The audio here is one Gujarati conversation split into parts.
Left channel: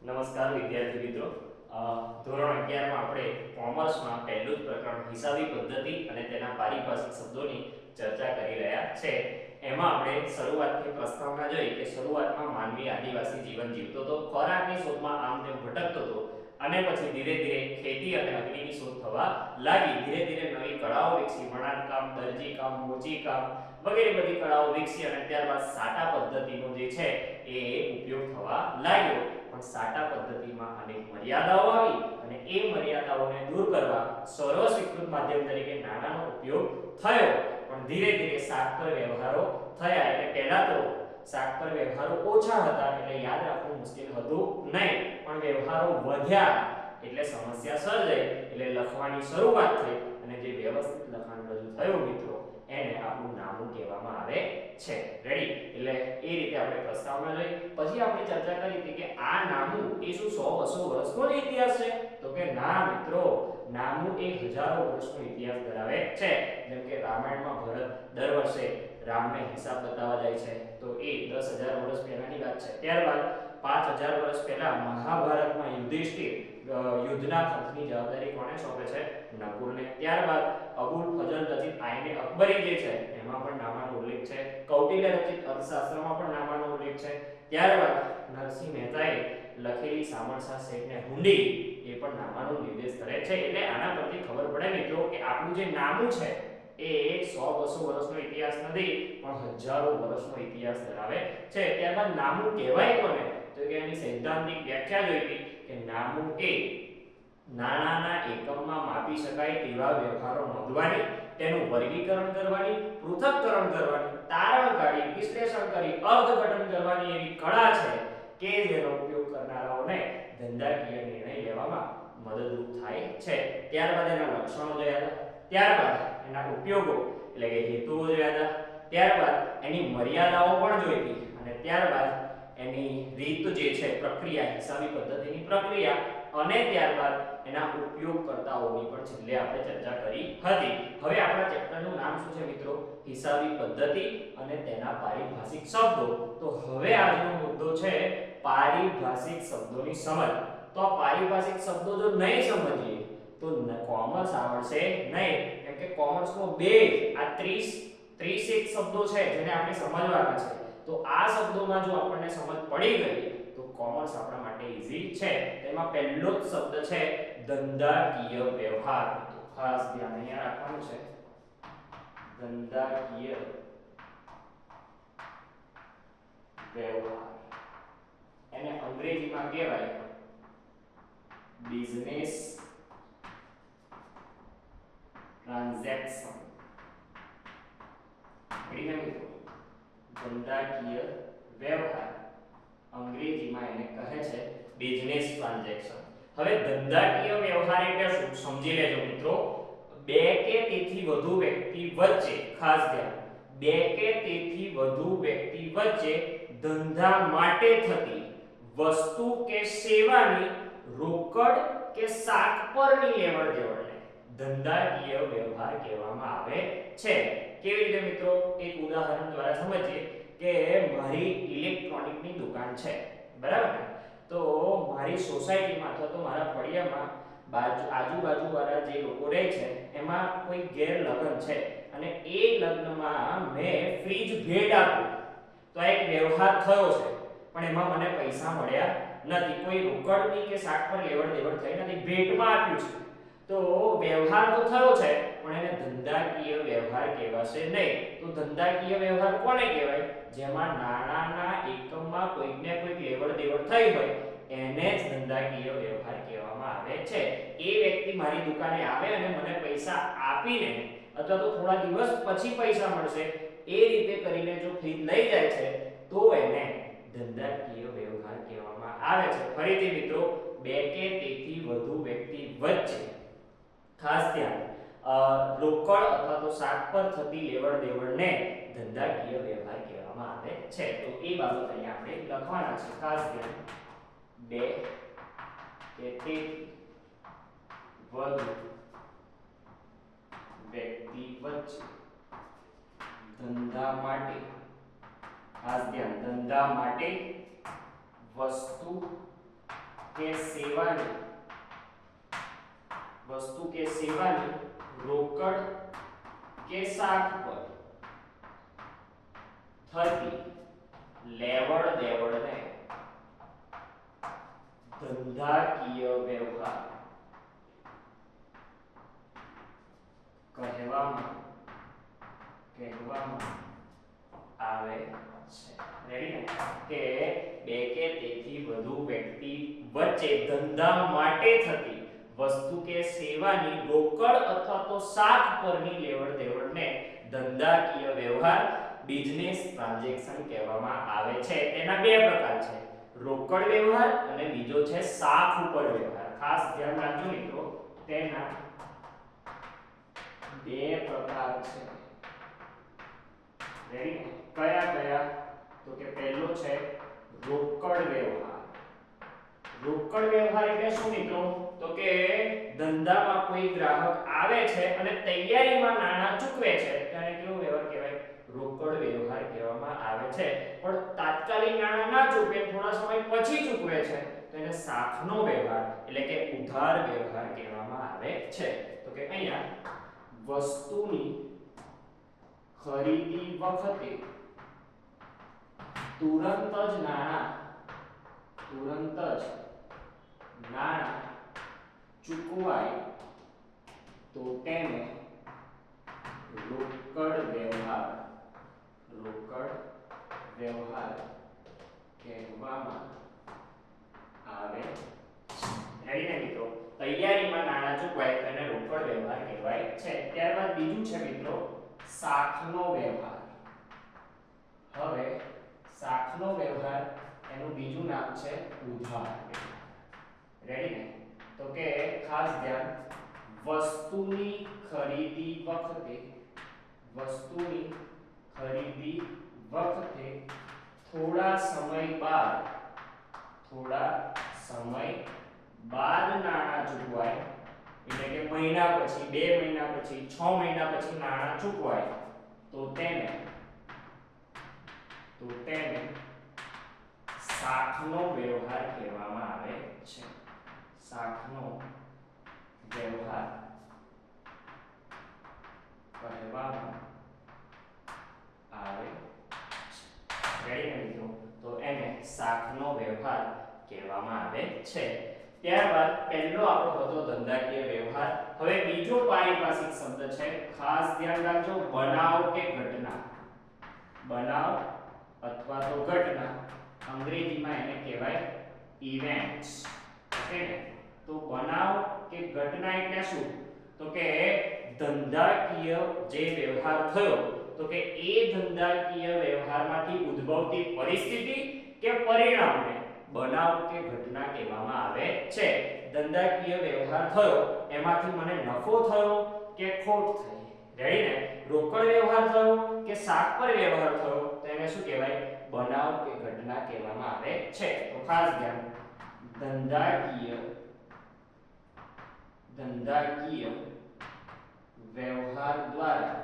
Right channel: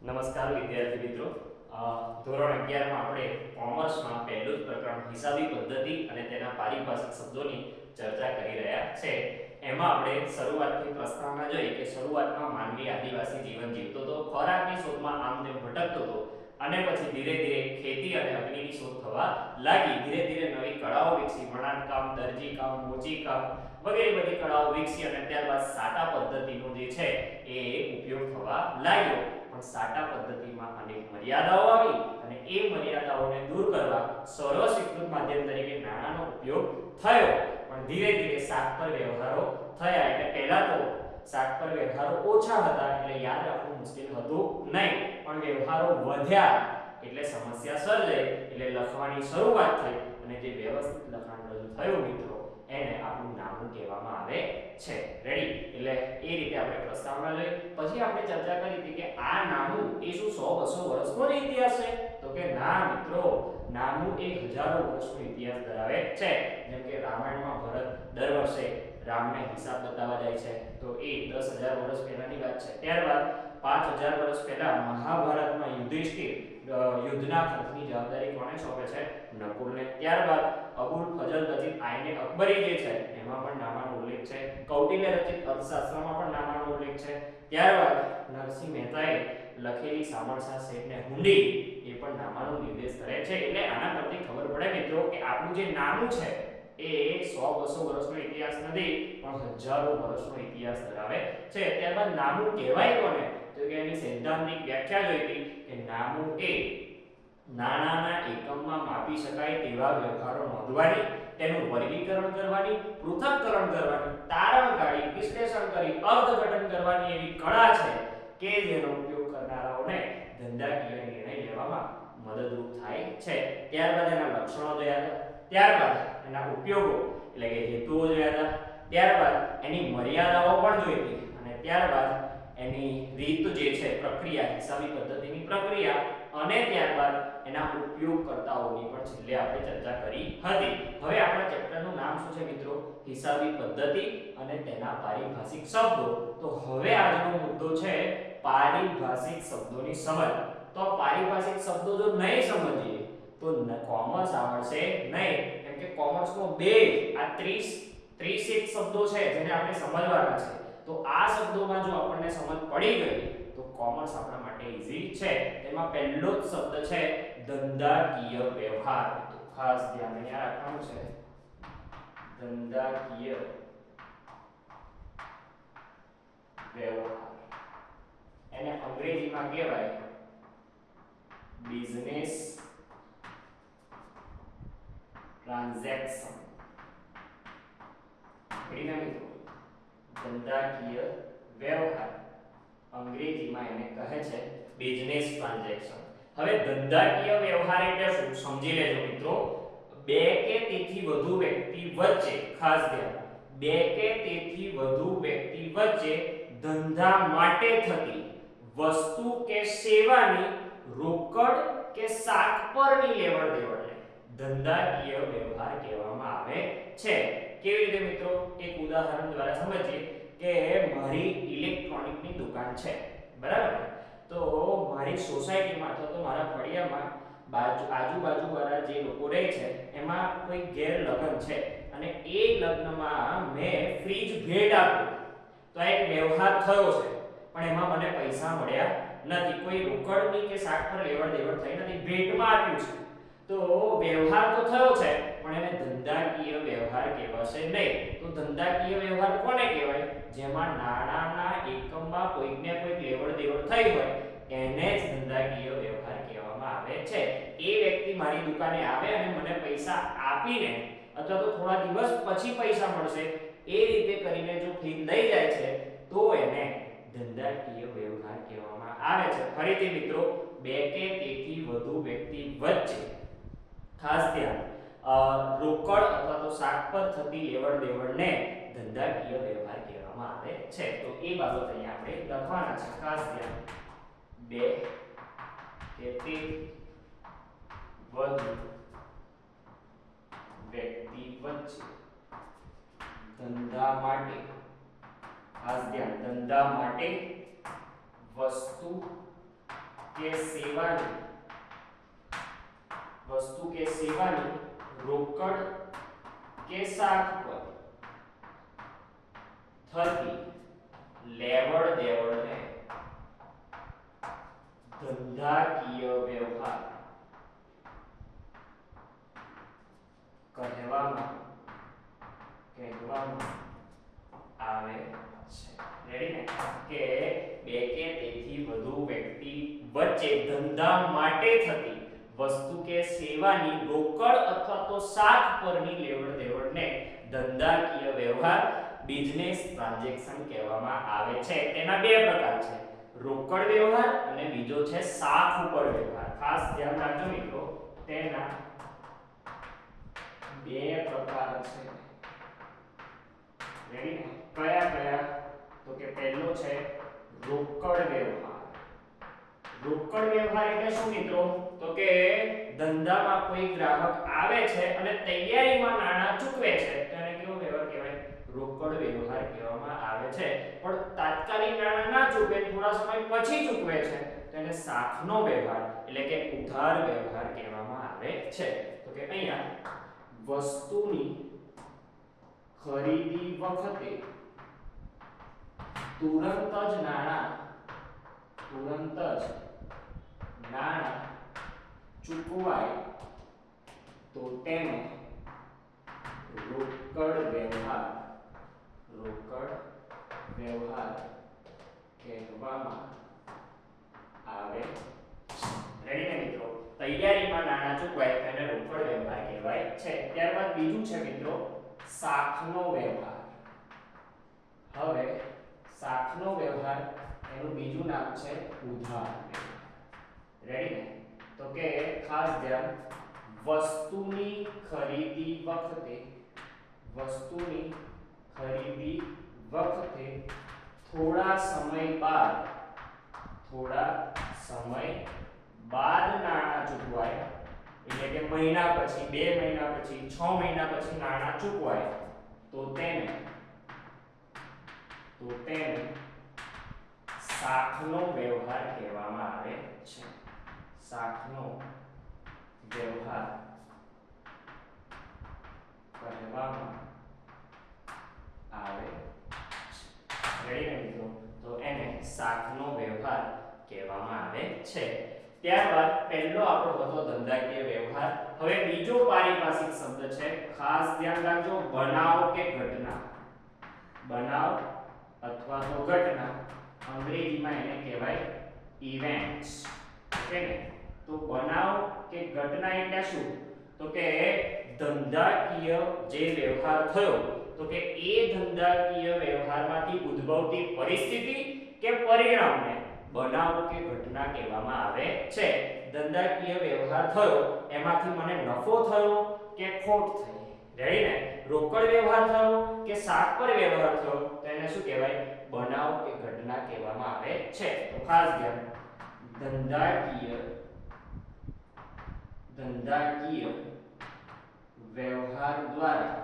નમસ્કાર વિદ્યાર્થી મિત્રો. ધોરણ 11 માં આપણે કોમર્સમાં પહેલું જ પ્રકરણ હિસાબી પદ્ધતિ અને તેના પારિભાષિક શબ્દોની ચર્ચા કરી રહ્યા છે. એમાં આપણે શરૂઆતથી પ્રસ્તાવના જોઈ કે શરૂઆતમાં માનવી આદિવાસી જીવન જીવતો હતો, ખોરાકની શોધમાં આમ તેમ ભટકતો હતો અને પછી ધીરે ધીરે ખેતી અને અગ્નિની શોધ થવા લાગી. ધીરે ધીરે નવી કળાઓ વિકસી, વણાટકામ, દરજીકામ, મોચીકામ વગેરે બધી કળાઓ વિકસી અને ત્યારબાદ સાટા પદ્ધતિનો જે છે એ ઉપયોગ થવા લાગ્યો. પણ સાટા પદ્ધતિમાં અનેક મર્યાદાઓ આવી અને એ મર્યાદાઓને દૂર કરવા સર્વસ્વીકૃત માધ્યમ તરીકે નાણાંનો ઉપયોગ થયો. પણ ધીરે ધીરે શાક પર વ્યવહારો થયા. એટલે પહેલા તો શાક પર વ્યવહારો ઓછા હતા એટલે યાદ રાખવું મુશ્કેલ હતું નહીં, પણ વ્યવહારો વધ્યા એટલે સમસ્યા સર્જાઈ. એટલે લખવાની શરૂઆત થઈ અને જે વ્યવસ્થિત લખાણ રજૂ થયું મિત્રો, એને આપણું નામું કહેવામાં આવે છે. રેડી? એટલે એ રીતે આપણે પ્રસ્તાવના જોઈ. પછી આપણે ચર્ચા કરી હતી કે આ નામું એ શું 100-200 વર્ષનો જ ઇતિહાસ છે? તો કે ના મિત્રો, નામું એ હજારો વર્ષનો ઇતિહાસ ધરાવે છે. જેમ કે રામાયણમાં ભરત દર વર્ષે રામને હિસાબ બતાવવા જાય છે, તો એ 10,000 વર્ષ પહેલાની વાત છે. ત્યારબાદ 5,000 વર્ષ પહેલા મહાભારતમાં યુધિષ્ઠિર યુદ્ધના ખર્ચની જવાબદારી કોને સોંપે છે? નકુલને. ત્યારબાદ અબુલ ફજલ રચિત આઈને અકબરી જે છે એમાં પણ નામાનો ઉલ્લેખ છે. કૌટિલ્ય રચિત અર્થશાસ્ત્રમાં પણ નામાનો ઉલ્લેખ છે. ત્યારબાદ નરસિંહ મહેતાએ લખેલી સામળસા શેઠને હુંડી એ પણ નામાનો નિર્દેશ કરે છે. એટલે આના પરથી ખબર પડે મિત્રો કે આપણું જે નામું છે એ 100-200 વર્ષનો ઇતિહાસ નથી, પણ હજારો વર્ષનો ઇતિહાસ ધરાવે છે. ત્યારબાદ નામું કહેવાય કોને? તો કે એની સૈદ્ધાંતિક વ્યાખ્યા જોઈ હતી કે નામું એ નાણાંના એકમમાં માપી શકાય તેવા વ્યવહારો નોંધવાની, તેનું વર્ગીકરણ કરવાની, પૃથક્કરણ કરવાની, તારણ કાઢી, વિશ્લેષણ કરી, અર્થઘટન કરવાની એવી કળા છે કે જેનો ઉપયોગ કરનારાઓને ધંધાકીય નિર્ણય લેવામાં મદદરૂપ થાય છે. ત્યારબાદ એના લક્ષણો જોયા હતા, ત્યારબાદ એના ઉપયોગો એટલે કે હેતુઓ જોયા હતા, ત્યારબાદ એની મર્યાદાઓ પણ જોઈ હતી અને ત્યારબાદ એની રીત જે છે, પ્રક્રિયા, હિસાબી પદ્ધતિની પ્રક્રિયા અને ત્યારબાદ એના ઉપયોગકર્તાઓની પણ છેલ્લે આપણે ચર્ચા કરી હતી. હવે આપણા ચેપ્ટરનું નામ શું છે મિત્રો? હિસાબી પદ્ધતિ અને તેના પારિભાષિક શબ્દો. તો હવે આજનો મુદ્દો છે પારિભાષિક શબ્દોની સમજ. તો પારિભાષિક શબ્દો જો નહીં સમજીએ તો કોમર્સ આવડશે નહીં. કેમ કે કોમર્સનો બે આ 30 શબ્દો છે જેને આપણે સમજવાના છે. તો આ શબ્દોમાં જો આપણને સમજ પડી ગઈ તો કોમર્સ આપણા માટે ઈઝી છે. તેમાં પહેલો જ શબ્દ છે ધંધાકીય વ્યવહાર. તો ખાસ ધ્યાન અહીંયા રાખવાનું છે, ધંધાકીય વ્યવહાર. એને અંગ્રેજીમાં કહેવાય બિઝનેસ ટ્રાન્ઝેક્શન. ધંધાકીય વ્યવહાર અંગ્રેજીમાં એને કહે છે બિઝનેસ ટ્રાન્ઝેક્શન. હવે ધંધાકીય વ્યવહાર એટલે શું સમજી લેજો મિત્રો. બે કે તેથી વધુ વ્યક્તિ વચ્ચે, ખાસ ધ્યાન, બે કે તેથી વધુ વ્યક્તિ વચ્ચે ધંધા માટે થતી વસ્તુ કે સેવાની રોકડ કે શાક પરની લેવડ દેવડને ધંધાકીય વ્યવહાર કહેવામાં આવે છે. કેવી રીતે મિત્રો? એક ઉદાહરણ દ્વારા સમજીએ કે મારી ઇલેક્ટ્રોનિકની દુકાન છે, બરાબર ને? તો મારી સોસાયટીમાં અથવા તો મારા ફળિયામાં આજુબાજુ વાળા જે લોકો રહે છે એમાં કોઈ ઘેર લગ્ન છે અને એ લગ્નમાં મેં ફ્રીજ ભેટ આપ્યું. તો આ એક વ્યવહાર થયો છે, પણ એમાં મને પૈસા મળ્યા નથી. કોઈ રોકડની કે શાક પર લેવડ દેવડ થઈ નથી, ભેટમાં આપ્યું છે. તો વ્યવહાર તો થયો છે પણ એને ધંધાકીય વ્યવહાર કહેવાશે નહીં. તો ધંધાકીય વ્યવહાર કોને કહેવાય? જેમાં નાણાંના એકમમાં કોઈકને કોઈક લેવડ દેવડ થઈ હોય એને જ ધંધાકીય વ્યવહાર કહેવામાં આવે છે. એ વ્યક્તિ મારી દુકાને આવે અને મને પૈસા આપીને અથવા તો થોડા દિવસ પછી પૈસા મળશે એ રીતે કરીને જો ફ્રીજ લઈ જાય છે તો એને ધંધાકીય વ્યવહાર કહેવામાં આવે છે. ફરીથી મિત્રો, બે કે તેથી વધુ વ્યક્તિ વચ્ચે, ખાસ ધ્યાન, રોકડ અથવા તો શાક પર થતી લેવડ દેવડને ધંધાકીય વ્યવહાર કહેવામાં આવે છે. તો એ બાબત અહીંયા આપણે લખવાના છે. ખાસ ધ્યાન, બે કે તેથી વધુ વ્યક્તિ વચ્ચે ધંધા માટે, ખાસ ધ્યાન, ધંધા માટે વસ્તુ કે સેવાની વસ્તુ કે સેવાની રોકડ કે શાખ પર થતી લેવડ દેવડને ધંધાકીય વ્યવહાર કહેવામાં આવે છે. રેડી ને કે બે કે તેથી વધુ વ્યક્તિ વચ્ચે ધંધા માટે થતી વસ્તુ કે સેવાની રોકડ અથવા તો શાખ પરની લેવડ દેવડને ધંધાકીય વ્યવહાર બિઝનેસ ટ્રાન્ઝેક્શન કહેવામાં આવે છે. તેના બે પ્રકાર છે, રોકડ વ્યવહાર અને બીજો છે શાખ ઉપર વ્યવહાર. ખાસ ધ્યાન રાખજો મિત્રો, તેના બે પ્રકાર છે. રેડી? કયા કયા? તો કે પહેલો છે રોકડ વ્યવહાર. રોકડ વ્યવહાર એટલે શું મિત્રો? તો કે ધંધામાં કોઈ ગ્રાહક આવે છે અને તૈયારીમાં નાણાં ચૂકવે છે, તેને કેવો વ્યવહાર કહેવાય? રોકડ વ્યવહાર કહેવામાં આવે છે. પણ તાત્કાલિક નાણાં ના ચૂકવે, થોડા સમય પછી ચૂકવે છે, તેને શાખનો વ્યવહાર એટલે કે ઉધાર વ્યવહાર કહેવામાં આવે છે. તો કે અહીંયા વસ્તુની ખરીદી વખતે તુરંત જ નાણાં ચૂકવાય તો તેને રોકડ વ્યવહાર કહેવામાં આવે છે. રેડી ને મિત્રો? તૈયારીમાં નાણાં ચૂકવાય તેને રોકડ વ્યવહાર કહેવાય છે. ત્યારબાદ બીજું છે મિત્રો શાખનો વ્યવહાર. હવે શાખનો વ્યવહાર એનું બીજું નામ છે ઉધાર વ્યવહાર. રેડી ને? તો કે ખાસ ધ્યાન, વસ્તુની ખરીદી વખતે થોડા સમય બાદ નાણાં ચૂકવાય, એટલે કે મહિના પછી, 2 મહિના પછી, 6 મહિના પછી નાણાં ચૂકવાય તો તેને શાખનો વ્યવહાર કહેવામાં આવે છે. શાખનો વ્યવહાર કહેવામાં આવે છે. રેડી ને મિત્રો? તો એને શાખનો વ્યવહાર કહેવામાં આવે છે. ત્યારબાદ પહેલો આપણો હતો ધંધાકીય વ્યવહાર. હવે બીજો પારિભાષિક શબ્દ છે, ખાસ ધ્યાન રાખજો, બનાવ કે ઘટના. બનાવ અથવા તો ઘટના, અંગ્રેજીમાં એને કહેવાય ઇવેન્ટ્સ. ઓકે ને? તો બનાવ કે ઘટના એટલે શું? તો કે ધંધાકીય જે વ્યવહાર થયો, તો કે એ ધંધાકીય વ્યવહારમાંથી ઉદ્ભવતી પરિસ્થિતિ કે પરિણામને બનાવ કે ઘટના કહેવામાં આવે છે. ધંધાકીય વ્યવહાર થયો, એમાંથી મને નફો થયો કે ખોટ થઈ. રેડી ને? રોકડ વ્યવહાર થયો કે શાખ પર વ્યવહાર થયો, તો એને શું કહેવાય? બનાવ કે ઘટના કહેવામાં આવે છે. તો ખાસ ધ્યાન, ધંધાકીય વ્યવહાર દ્વારા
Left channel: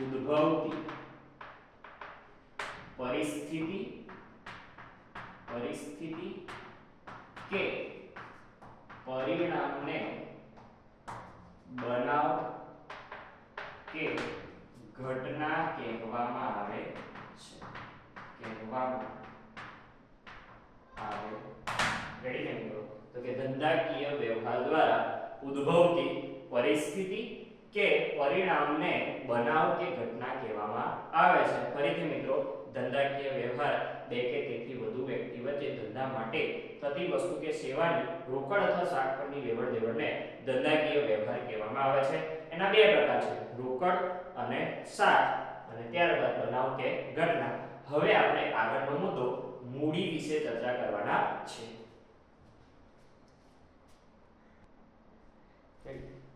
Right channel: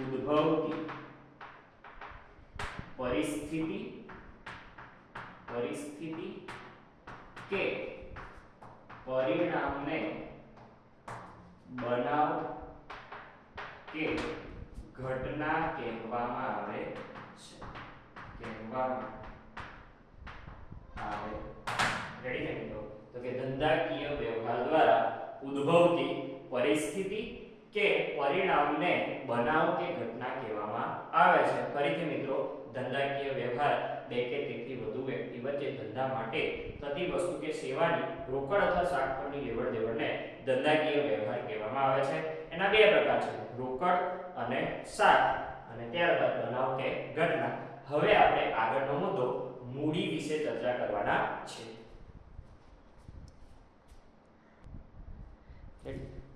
ઉદ્ભવતી પરિસ્થિતિ કે પરિણામને બનાવ કે ઘટના કહેવામાં આવે છે. રેડી ને મિત્રો? તો કે ધંધાકીય વ્યવહાર દ્વારા ઉદ્ભવતી પરિસ્થિતિ કે પરિણામને બનાવ કે ઘટના કહેવામાં આવે છે. ફરીથી મિત્રો, ધંધાકીય વ્યવહાર બે કે તેથી વધુ વ્યક્તિ વચ્ચે ધંધા માટે થતી વસ્તુ કે સેવાની રોકડ અથવા શાખ પરની લેવડ દેવડને ધંધાકીય વ્યવહાર કહેવામાં આવે છે. એના બે પ્રકાર છે, રોકડ અને શાખ, અને ત્યારબાદ બનાવ કે ઘટના. હવે આપણે આગળનો મુદ્દો મૂડી વિશે ચર્ચા કરવાના છે.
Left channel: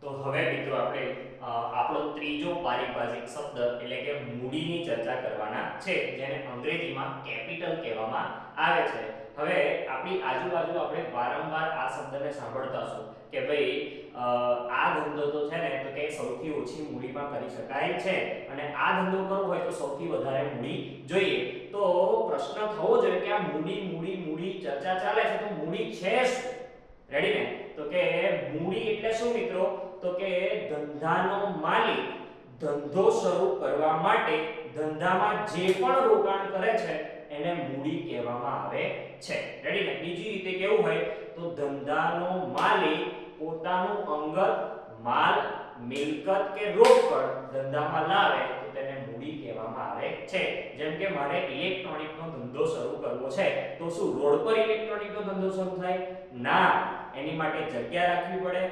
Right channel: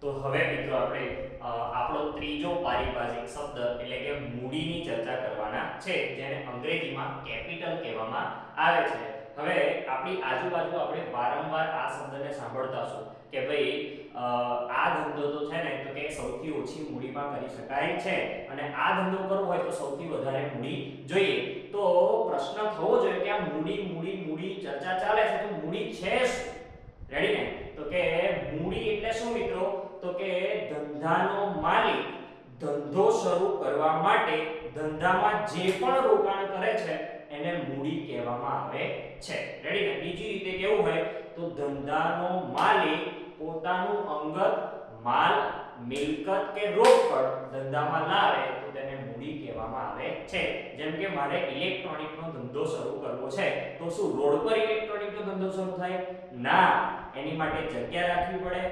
તો હવે મિત્રો આપણે આપણો ત્રીજો પારિભાષિક શબ્દ એટલે કે મૂડીની ચર્ચા કરવાના છે, જેને અંગ્રેજીમાં કેપિટલ કહેવામાં આવે છે. હવે આપણી આજુબાજુ આપણે વારંવાર આ શબ્દને સાંભળતા હશું કે ભાઈ આ ધંધો તો છે ને તો કે સૌથી ઓછી મૂડીમાં કરી શકાય છે અને આ ધંધો કરવો હોય તો સૌથી વધારે મૂડી જોઈએ. તો પ્રશ્ન થવો જોઈએ કે આ મૂડી ચર્ચા ચાલે છે તો મૂડી છે શું? રેડી ને? તો કે મૂડી એટલે શું મિત્રો? તો કે ધંધાનો માલિક ધંધો શરૂ કરવા માટે ધંધામાં જે પણ રોકાણ કરે છે એને મૂડી કહેવામાં આવે છે. રેડી ને? બીજી રીતે કેવું હોય તો ધંધાનો માલિક પોતાનું અંગત માલ, મિલકત કે રોકડ ધંધામાં લાવે તો તેને મૂડી કહેવામાં આવે છે. જેમ કે મારે ઇલેક્ટ્રોનિકનો ધંધો શરૂ કરવો છે તો શું રોડ પર ઇલેક્ટ્રોનિકનો ધંધો શરૂ થાય? ના, એની માટે જગ્યા રાખવી પડે,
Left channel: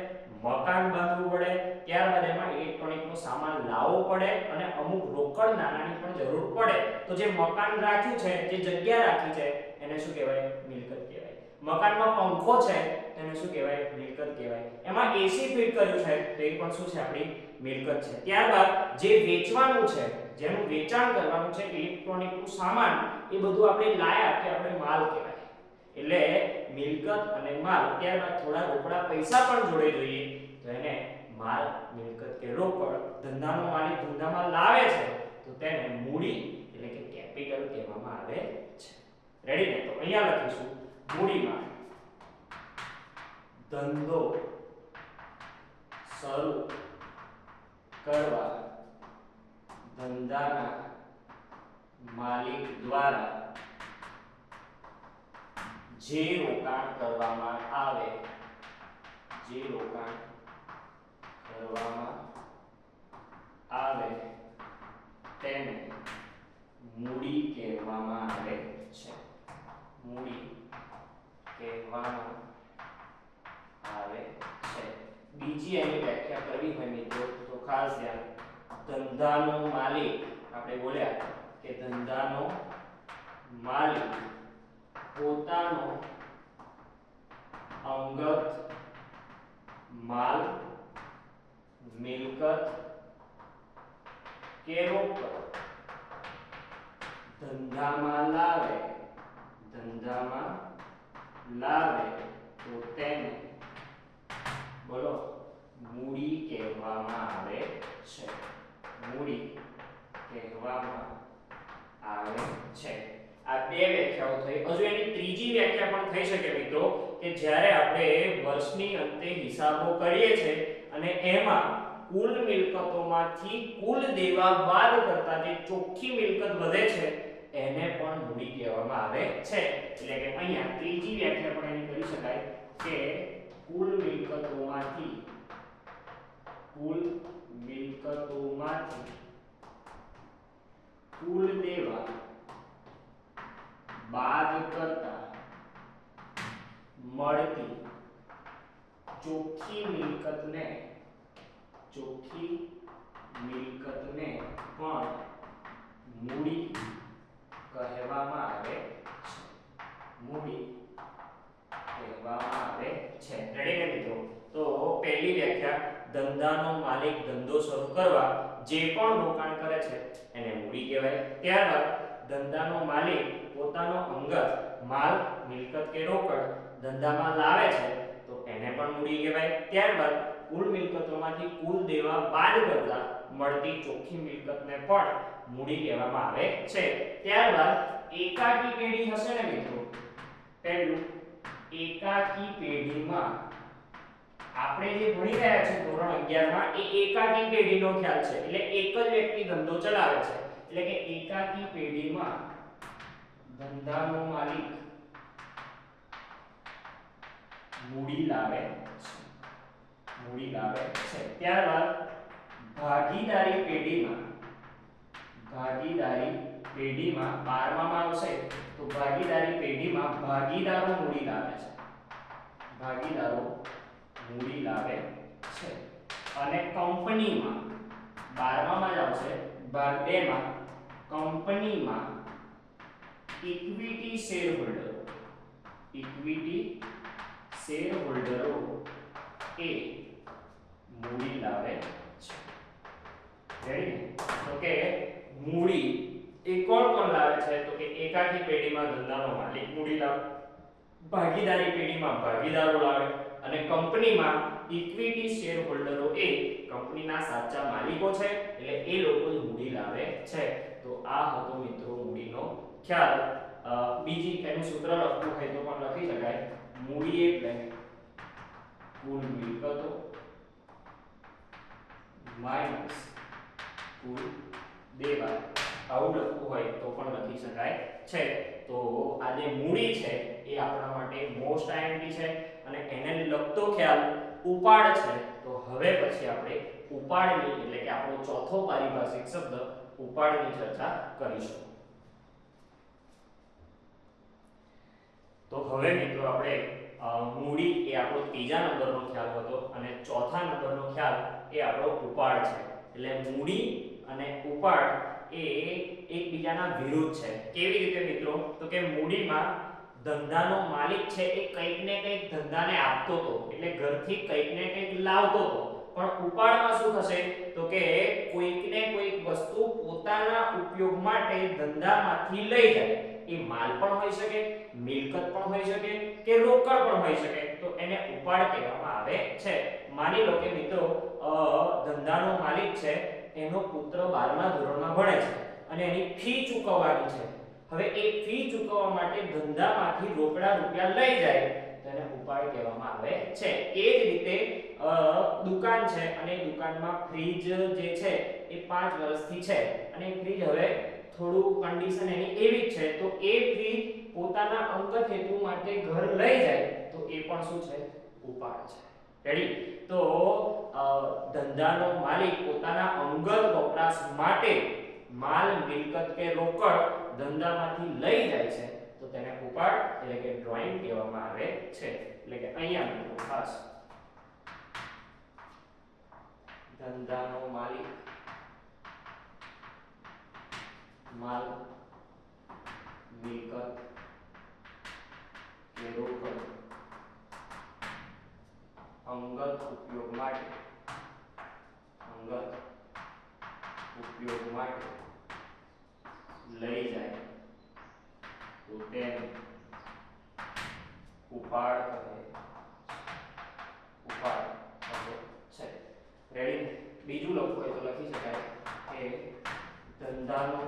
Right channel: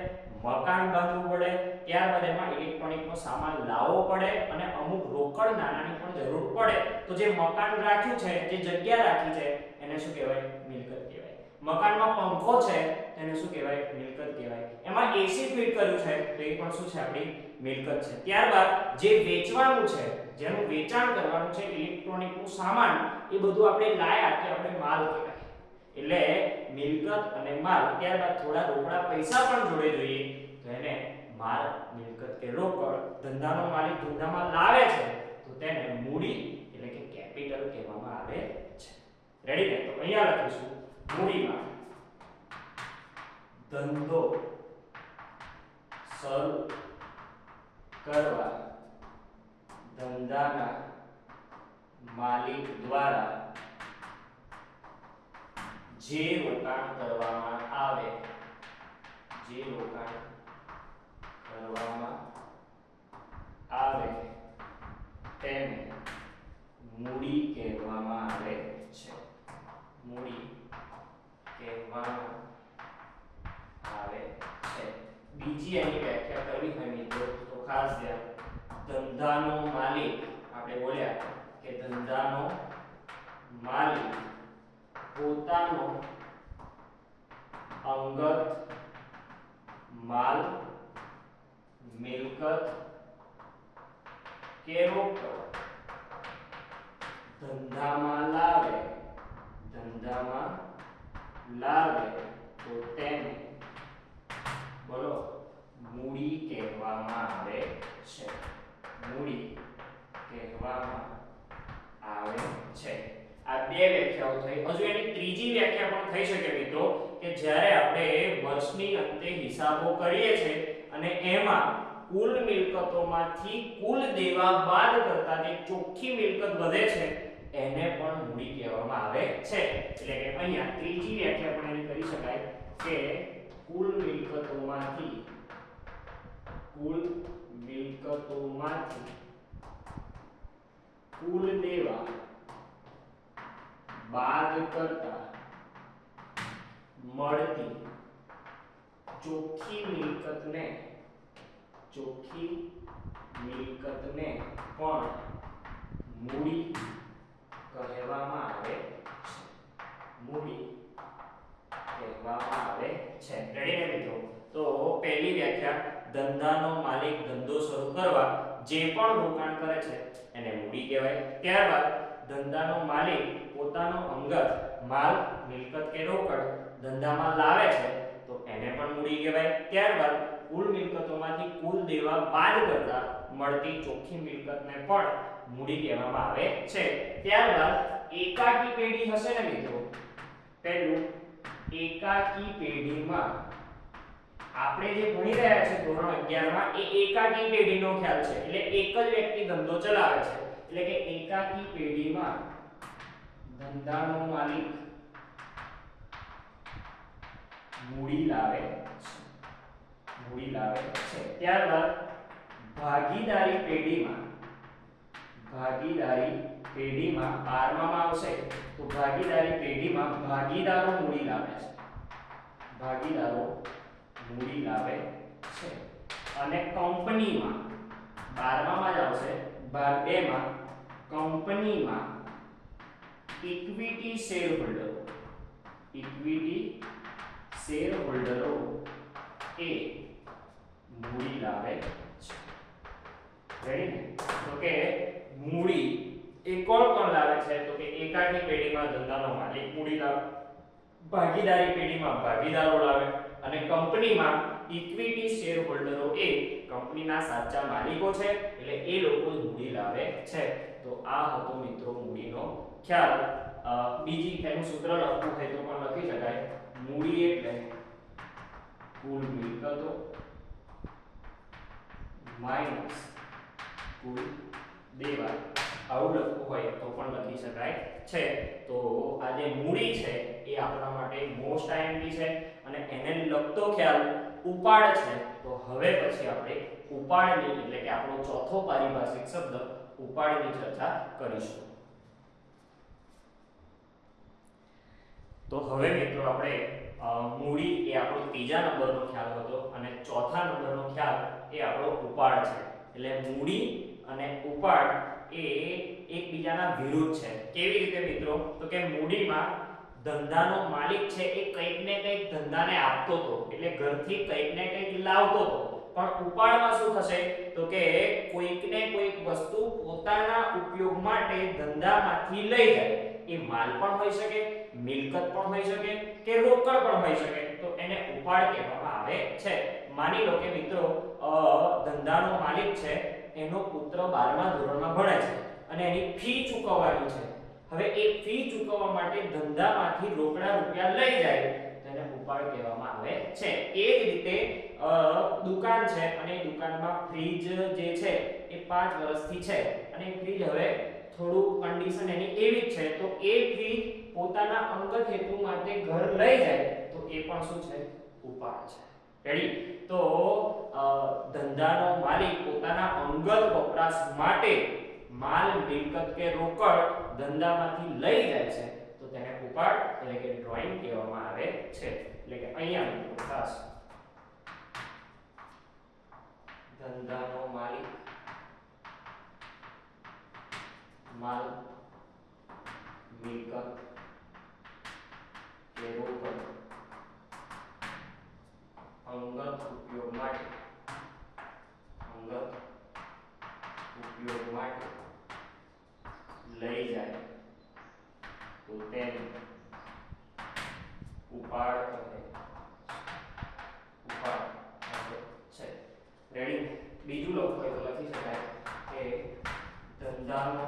મકાન બાંધવું પડે, ત્યારબાદ એમાં ઇલેક્ટ્રોનિકનો સામાન લાવવો પડે અને અમુક રોકડ નાણાંની પણ જરૂર પડે. તો જે મકાન રાખ્યું છે, જે જગ્યા રાખી છે એને શું કહેવાય? મિલકત કહેવાય. મકાનમાં પંખો છે તેને શું કહેવાય? મિલકત કહેવાય. એમાં એસી ફિટ કર્યું છે તો એ પણ શું છે? આપણી મિલકત છે. ત્યારબાદ જે વેચવાનું છે, જેનું વેચાણ કરવાનું છે, ઇલેક્ટ્રોનિકનું સામાન, એ બધું આપણે લાયા કે આપણે માલ કહેવાય. એટલે મિલકત અને માલ, ત્યારબાદ થોડા રોકડા પૈસા પણ જોડે જોઈએ તો એને માલ, મિલકત કે રોકડ ધંધાનો માલિક ધંધામાં લાવે છે તો તેને મૂડી એટલે કે કેપિટલ કહેવામાં આવે છે. રેડી ને? તો અહીંયા લખીશું મૂડીમાં ધંધો શરૂ કરવા ધંધાના માલિક દ્વારા જે રોકાણ કરવામાં આવે તેને મૂડી કહેવામાં આવે છે. મૂડી કહેવામાં આવે છે. બીજી એની વ્યાખ્યા કરવી હોય મિત્રો તો ખાસ ધ્યાન, ધંધાનો માલિક, આપણે બોલ્યા કે ધંધાનો માલિક પોતાનો અંગત માલ, મિલકત કે રોકડ ધંધામાં લાવે તો તેને બોલો મૂડી કહેવામાં આવે છે. મૂડી કહેવામાં આવે છે. આ બે વ્યાખ્યાઓ થઈ. હજુ એની ત્રીજી વ્યાખ્યા પણ થઈ શકે મિત્રો કે જ્યારે આપણે વર્ષની અંતે હિસાબો કરીએ છીએ અને એમાં કુલ મિલકતોમાંથી કુલ દેવા બાદ કરતા જે ચોખ્ખી મિલકત વધે છે એને પણ મૂડી કહેવામાં આવે છે. એટલે કે અહીંયા ત્રીજી વ્યાખ્યા પણ એની કરી શકાય કે કુલ મિલકતોમાંથી કુલ દેવા બાદ કરતા મળતી ચોખ્ખી મિલકતને પણ મૂડી કહેવામાં આવે છે. મૂડી કહેવામાં આવે છે. રેડી ને મિત્રો? તો પહેલી વ્યાખ્યા, ધંધાનો માલિક ધંધો શરૂ કરવા જે પણ રોકાણ કરે છે એને મૂડી કહેવાય. ત્યારબાદ ધંધાનો માલિક પોતાનો અંગત માલ, મિલકત કે રોકડ ધંધામાં લાવે છે તો એને પણ મૂડી કહેવાય. ત્યારબાદ કુલ મિલકતોમાંથી કુલ દેવા બાદ કરતા મળતી ચોખ્ખી મિલકતને પણ મૂડી કહેવામાં આવે છે. ત્યારબાદ એકાકી પેઢી હશે ને મિત્રો? પહેલું, એકાકી પેઢીમાં આપણે જે ભણી રહ્યા છે ધોરણ 11 માં એ એકાકી પેઢીનો ખ્યાલ છે. એટલે એક જ વ્યક્તિ ધંધો ચલાવે છે. એટલે કે એકાકી પેઢીમાં ધંધાનો માલિક મૂડી લાવે છે. ત્યારબાદ ભાગીદારી પેઢીમાં 12માં આવશે તો ભાગીદારી પેઢીમાં ભાગીદારો મૂડી લાવે છે. અને કંપનીમાં 12માં જ આવશે, ભાગ 2 માં કંપનીમાં ઇક્વિટી શેર હોલ્ડરો એ મૂડી લાવે છે. રેડી ને? તો કે મૂડી એ કોણ લાવે છે? તો કે એકાકી પેઢીમાં ધંધાનો માલિક મૂડી લાવે, ભાગીદારી પેઢીમાં ભાગીદારો લાવે અને કંપનીમાં ઇક્વિટી શેર હોલ્ડરો એ કંપનીના સાચા માલિકો છે, એટલે એ લોકો જ મૂડી લાવે છે. તો આ હતો મિત્રો મૂડીનો ખ્યાલ. બીજી એનું સૂત્ર લખવું હોય તો પણ લખી શકાય. મૂડી એટલે કુલ મિલકતો માઈનસ કુલ દેવા. આવું લખવું હોય તો પણ લખી શકાય છે. તો આ જે મૂડી છે એ આપણા માટે મોસ્ટ આઈએમપી છે અને એને લગતો ખ્યાલ ઉપાડ છે. તો હવે પછી આપણે ઉપાડની એટલે કે આપણો ચોથો પારિભાષિક શબ્દ ઉપાડની ચર્ચા કરીશું. તો હવે મિત્રો આપણે મૂડી એ આપણો ત્રીજા નંબરનો ખ્યાલ હતો અને ચોથા નંબરનો ખ્યાલ એ આપણો ઉપાડ છે. એટલે મૂડી અને ઉપાડ એ એકબીજાના વિરુદ્ધ છે. કેવી રીતે મિત્રો? તો કે મૂડીમાં ધંધાનો માલિક છે એ કંઈક ને કંઈક ધંધાને આપતો હતો, એટલે ઘરથી કંઈક ને કંઈક લાવતો હતો. પણ ઉપાડમાં શું થશે? તો કે કોઈક ને કોઈક વસ્તુ પોતાના ઉપયોગ માટે ધંધામાંથી લઈ જાય. એ માલ પણ હોઈ શકે, મિલકત પણ હોઈ શકે કે રોકડ પણ હોઈ શકે. તો એને ઉપાડ કહેવામાં આવે છે. માની લો કે મિત્રો ધંધાનો માલિક છે, એનો પુત્ર 12મા ધોરણમાં ભણે છે અને એની ફી ચૂકવવાની છે. હવે એ ફી ચૂકવવા માટે ધંધામાંથી રોકડા રૂપિયા લઈ જાય તો એને ઉપાડ કહેવામાં આવે છે. એ જ રીતે દુકાન છે અને દુકાનમાં ફ્રીજ જે છે એ 5 વર્ષથી છે અને એ ફ્રીજ હવે થોડું કન્ડિશન એની એવી જ છે, તો એ ફ્રીજ પોતાના અંગત હેતુ માટે ઘર લઈ જાય તો એ પણ શું છે? ઉપાડ છે. રેડી? તો ધંધાનો માલિક પોતાના અંગત વપરાશ માટે માલ, મિલકત કે રોકડ ધંધામાંથી લઈ જાય છે તો તેને ઉપાડ એટલે કે ડ્રોઈંગ કહેવામાં આવે છે. એટલે કે અહીંયા મિત્રો ખાસ ધંધાનો માલિક માલ, મિલકત કે રોકડ અંગત ઉપયોગ માટે લઈ જાય તો તેને ઉપાડ કહે છે. રેડી? બીજું લખવું હોય તો લખી શકાય કે ધંધાનો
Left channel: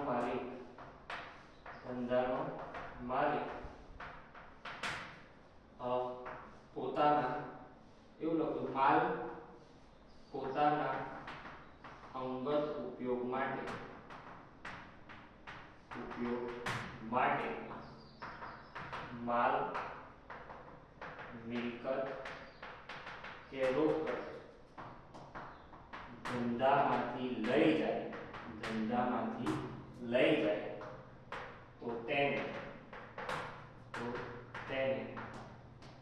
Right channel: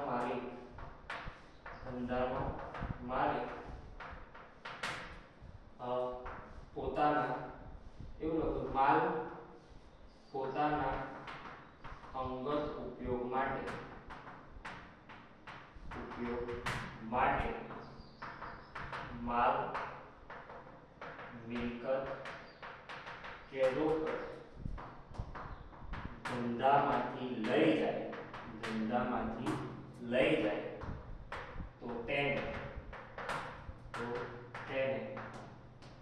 માલિક પોતાના એવું લખું માલ પોતાના અંગત ઉપયોગ માટે માલ, મિલકત કે રોકડ ધંધામાંથી લઈ જાય તો તેને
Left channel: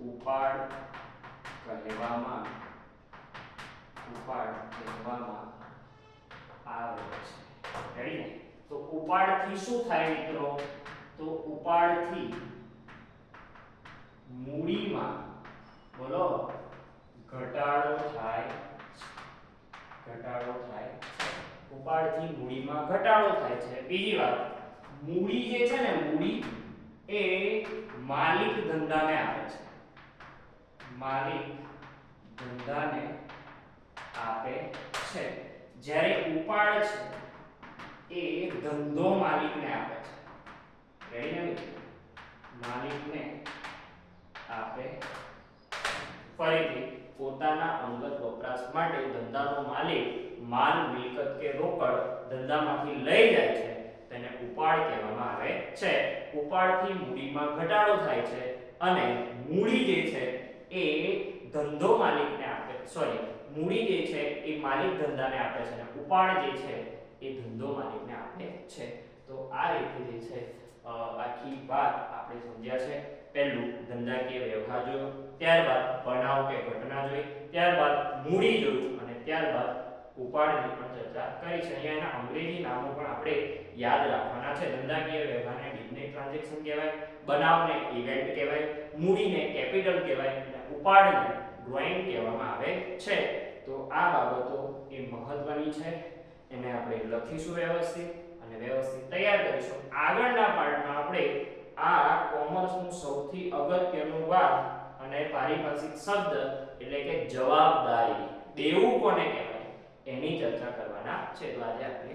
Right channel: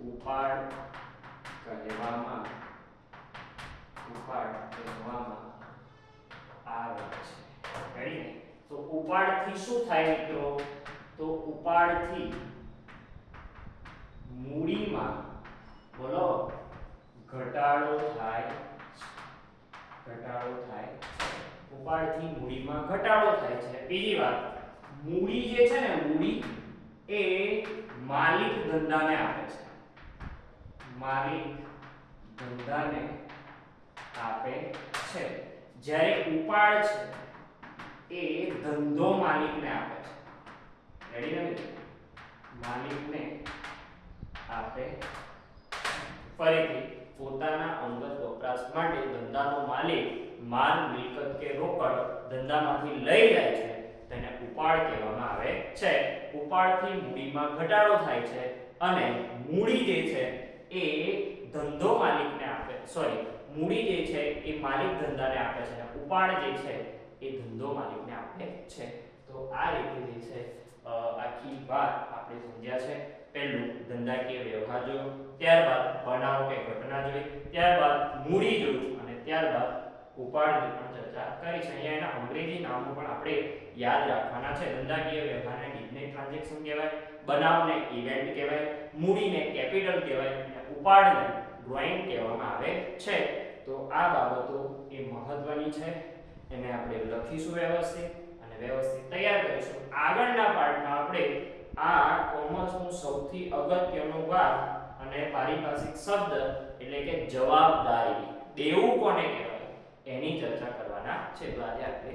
ઉપાડ કહેવામાં આવે છે. રેડી? તો ઉપાડથી શું થાય મિત્રો? તો ઉપાડથી મૂડીમાં બોલો ઘટાડો થાય. ઉપાડથી મૂડીમાં ઘટાડો થાય છે. બીજી વાત, મૂડી જે છે ને મૂડી એ માલિક ધંધાને આપે છે. જ્યારે ઉપાડ છે એ ધંધો માલિકને આપે છે. રેડી ને? માલિકને આપે. ફરીથી પોતાના અંગત વપરાશ માટે ધંધાનો માલિક માલ, મિલકત કે રોકડ ધંધામાંથી લઈ જાય છે તેને ઉપાડ કહેવામાં આવે છે. ઉપાડથી મૂડીમાં ઘટાડો થાય છે અને મૂડી જે છે એ ધંધો માલિકને આપે, મૂડી જે છે એ માલિક ધંધાને આપે છે અને ઉપાડ જે છે એ ધંધો માલિકને આપે છે. તો આ રીતે જે છે આખી વાત આપણે સમજ્યા છે. પહેલું ધંધાકીય વ્યવહાર જોયો, ત્યારબાદ બનાવ કે ઘટના જોઈ, ત્યારબાદ મૂડી જોયું અને ત્યારબાદ ઉપાડની પણ ચર્ચા કરી છે. અહીંયા એના અંગ્રેજી નામો પણ આપણે યાદ રાખવાના છે. ધંધાકીય વ્યવહારને ડિફિનેટ ટ્રાન્ઝેક્શન કહેવાય, બનાવને ઇવેન્ટ કહેવાય, મૂડીને કેપિટલ કહેવાય અને ઉપાડને ડ્રોઈંગ કહેવામાં આવે છે. તો આ બાબતો એ મહત્વની છે, એને આપણે લખીશું વ્યવસ્થિત અને વ્યવસ્થિત તૈયાર કરીશું. આગળના પાર્ટમાં આપણે આ કોમર્સનું સૌથી અગત્યનો ભાગ અને પારિભાષિક શબ્દ એટલે કે જવાબદારી, દેવું કોને કહેવાય એની ચર્ચા કરવાના છે. તો આજે આપણે